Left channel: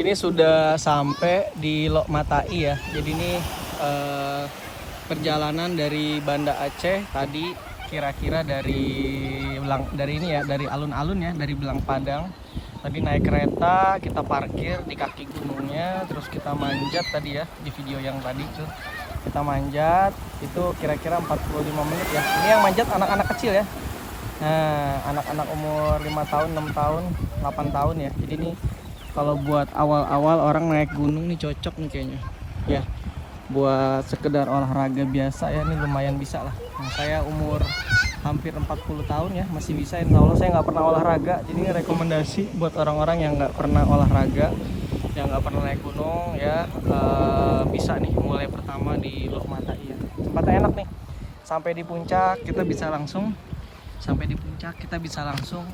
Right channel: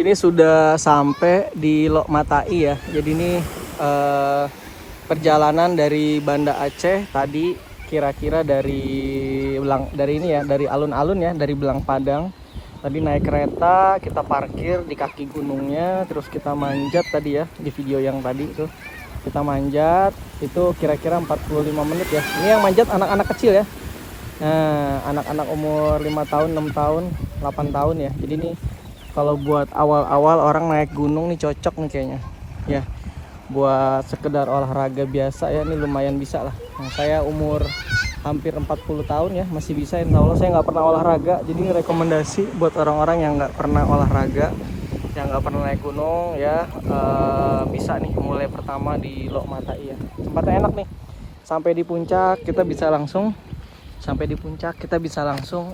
Ini sudah sampai di Lok Matai ya. Jadi ini perjalanan dari Banda Aceh tadi kira-kira dari ini ya, dari alun-alun ya, dari Belang Padang. Tadi naik kereta, kita parkir di kaki gunungnya, terus kita manjat tadi ya di video yang tadi tuh. Kita manjat itu kira-kira 45 menit ya. Ini yang manjat anak-anak kecil ya. Nah, anak-anak umur 5 tahun, 6 tahun, 8 tahun ya. Jadi ini kalau buat awal-awal orang naik gunung nih cocok nih kayaknya. Ya, buat sekedar olahraga biasa ya, ini lumayan bisa lah. Nah, saya umur hampir 40 tahun ya, masih bisa. Insya Allah saya nggak pernah olahraga. Jadi ini rekomendasi buat orang-orang yang nggak pernah olahraga, yang nggak pernah naik gunung ya, bisa nih mulai pertama di Lok Matai ya. Tempatnya enak nih. Sampai di puncak kita bisa langsung